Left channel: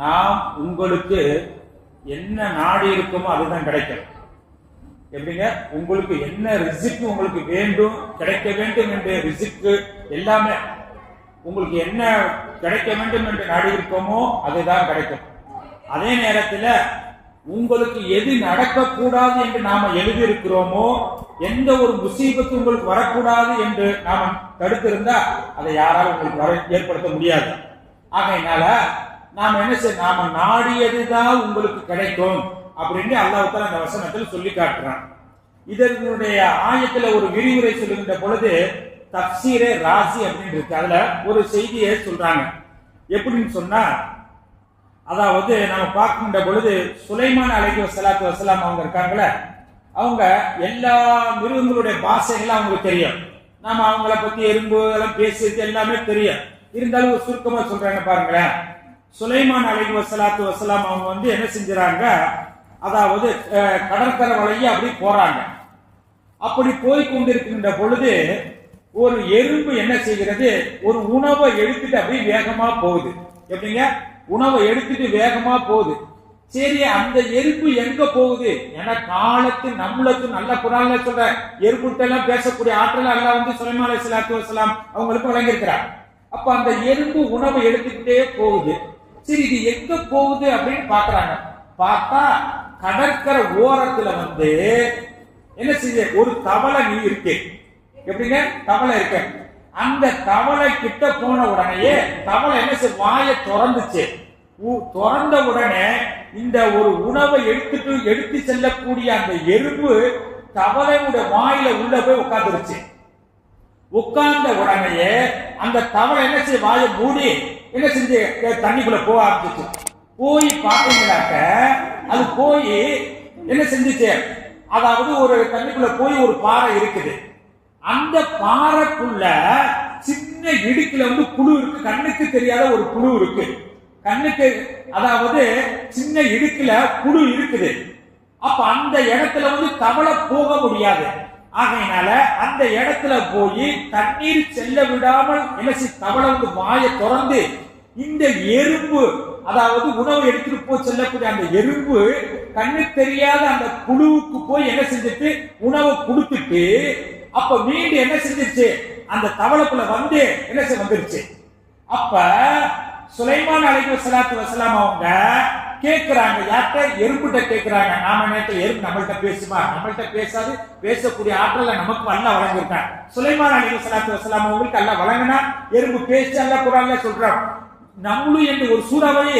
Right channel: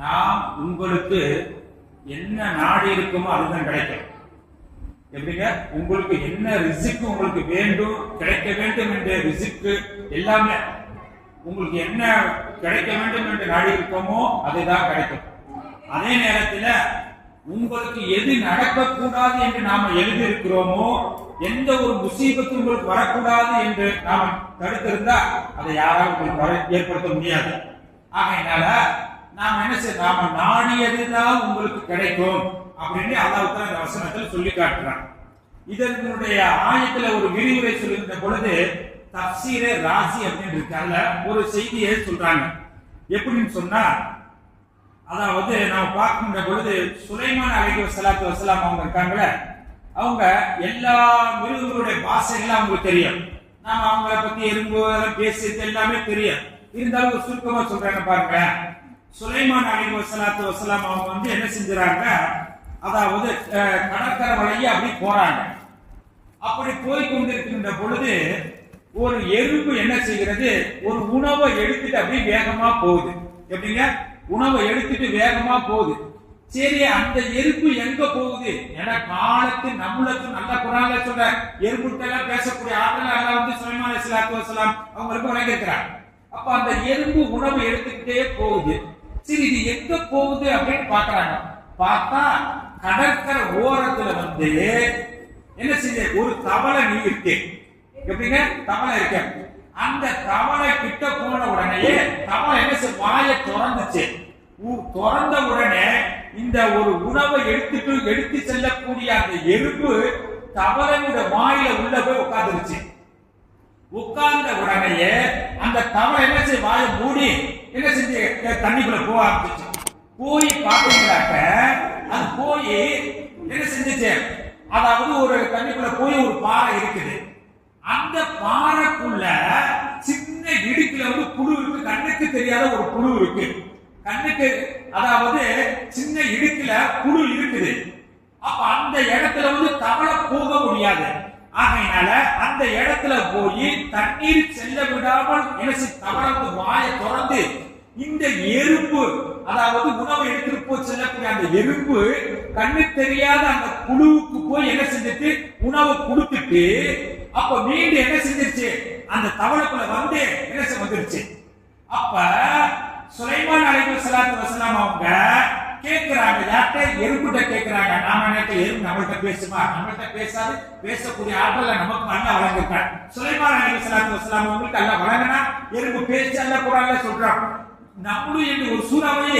நாம் உங்களுக்கு என்ன நாடி இருக்குமோ அதுதான் கிடைக்கும். எப்படிங்க? உங்களுக்கு என்ன ரிசிக்கு உங்களுக்கு வேண்டும், கிடைக்க வேண்டும் என்ற ரிசிக்கு எல்லாமே உங்களுக்கு என்ன கிடைக்க வேண்டும் என்று நாடி இருக்கோமோ அதுதான் கிடைக்கும். அதே நேரத்தில் உங்களுக்கு எது நடக்கக்கூடாது என்று நாம எழுதி இருக்கிறோமோ, எந்த ஒரு முசீபத்து உங்களுக்கு வரக்கூடாது என்று நாம் தடுத்திருந்தா அதை யாராலும் உங்களுக்கு ஏற்படுத்த முடியாது. ஆகையினால நாம என்ன செய்ய, நாம நாடியதுதான் உங்களுக்கு கிடைக்கும் அப்படின்னு அல்லாஹ் தஆலா இந்த வசனத்தில் சொல்லி காட்டுறான். இதனுடைய ஆயத்துல ஒரு விரிவுரை சொல்லுகின்ற பொழுது தஃப்சீரே ராசி அப்படின்னு இருக்கு. அதுல ஒரு செய்தியை சொல்றாங்க. எப்படின்னு சொன்னா, அதாவது நாம பார்க்கின்ற பொழுது சுலைமான் அலைஹிஸ்ஸலாத்து வஸ்ஸலாம் அவங்க இருக்காங்களே, அவங்க எல்லா மிருகங்களுடைய பாஷைகளும் அவங்களுக்கு தெரியும். நாம அவங்கள பத்தி எறும்பு எல்லாம் பேசிட்டு எல்லாமே தெரியும். இருந்தாலும் ஒரு சுருக்கமா சொல்றாங்க பாருங்க. சுலைமான் அலைஹிஸ்ஸலாத்து வஸ்ஸலாம் அவங்க வந்து என்ன செஞ்சாங்க, அதாவது கடற்கரை வழியா அப்படி போறாங்க. அப்படி போய் கொண்டிருக்கின்ற பொழுது ஒரு எறும்பு என்ன செய்கிறது, ஒரு உணவை எடுத்துட்டு அப்படியே வேகமா போகுது. எப்படிங்க? உணவை எடுத்துட்டு வேகமா போகுது. சரி, அந்த எறும்பு எங்க போகுது? ஏன்னா காலத்து நம்மளுக்கு நல்ல குரான்ல சொல்ற எறும்புட்ட எல்லாம் பேசக்கூடிய ஆற்றல் அல்லாஹ் வந்து சுலைமான் அலைஹிஸ்ஸலாத்து வஸ்ஸலாம் அவங்களுக்கு வழங்கியிருக்கிறார். அப்ப அந்த எறும்பு உணவை எடுத்துக்கிட்டே போகுது. சரி, இது எங்க போகுது அப்படின்னு பாக்குறாங்க. பார்த்தா கடற்கரை ஓரத்துல வந்து என்ன செய்ய, ஒரு தவளை நீ இருக்கு. எப்படிங்க? தவளை இருக்கு. அந்த தவளை கிட்ட போன உடனே தவளை என்ன செய்ய, வாயை திறந்துச்சு. திறந்த உடனே இந்த ஒரு உணவை எடுத்து செல்லக்கூடிய அந்த எறும்பு தவளையோட வாயில உள்ள போய் உட்கார்ந்துருச்சு. உட்கார்ந்த உடனே அந்த தவளை என்ன செய்ய, வாயை மூடி என்ன செஞ்சு தண்ணிக்குள்ள போக ஆரம்பிச்சு. போய் பாத்தீங்கன்னாக்க அது போய் என்ன செஞ்சுச்சு, அதாவது ஒரு தண்ணிக்குள்ள போய் ஒரு பாறை இருக்குது. அந்த பாறைக்குள்ள சின்ன இடுக்குல வந்து புழு இருக்கு. கண்ணுக்கு தெரியாத ஒரு புழு இருக்கு. கண்ணுக்கு அதாவது சின்ன இடுக்குல புழு இருக்குது. அப்ப அந்த இடத்துல வந்து தவளை போக முடியாது. ஆகையினால அந்த இடத்துல போய் தண்ணீர் செல்ல விடாமல் என்ன தவளை வந்து வாயை திறந்து இந்த எறும்பு, அதாவது உணவு எடுத்துட்டு போய் செல்லக்கூடிய அந்த எறும்பு கண்ணு தெரியாத அந்த புழுவுக்கு போய் என்ன செஞ்சுட்டு உணவு கொடுத்துட்டு அப்ப மீண்டும் என்ன செஞ்சிருச்சு, அந்த தவளைக்குள்ள வந்து என்ன வந்துருச்சு. அப்ப சுலைமான் அலைஹிஸ்ஸலாத்து வஸ்ஸலாம் அவங்க கேட்கிறாங்க, யார்கிட்ட? எறும்புட்ட கேட்கிறாங்க. நாம நினைக்க எறும்பு நம்மள்கிட்ட பேசுமா? நம்மள்கிட்ட பேசாது. பேசக்கூடிய ஆற்றல நமக்கு அல்லாஹ் வழங்கியிருக்கான். சுலைமான் அலைஹிஸ்ஸலாத்து வஸ்ஸலாம் அவங்களுக்கு அல்லாஹ் வழங்கினா எறும்பு பேச்சு அல்லாஹ் குர்ஆன்ல சொல்றான். நம்மளும் என்று ஒரு சூறாவையே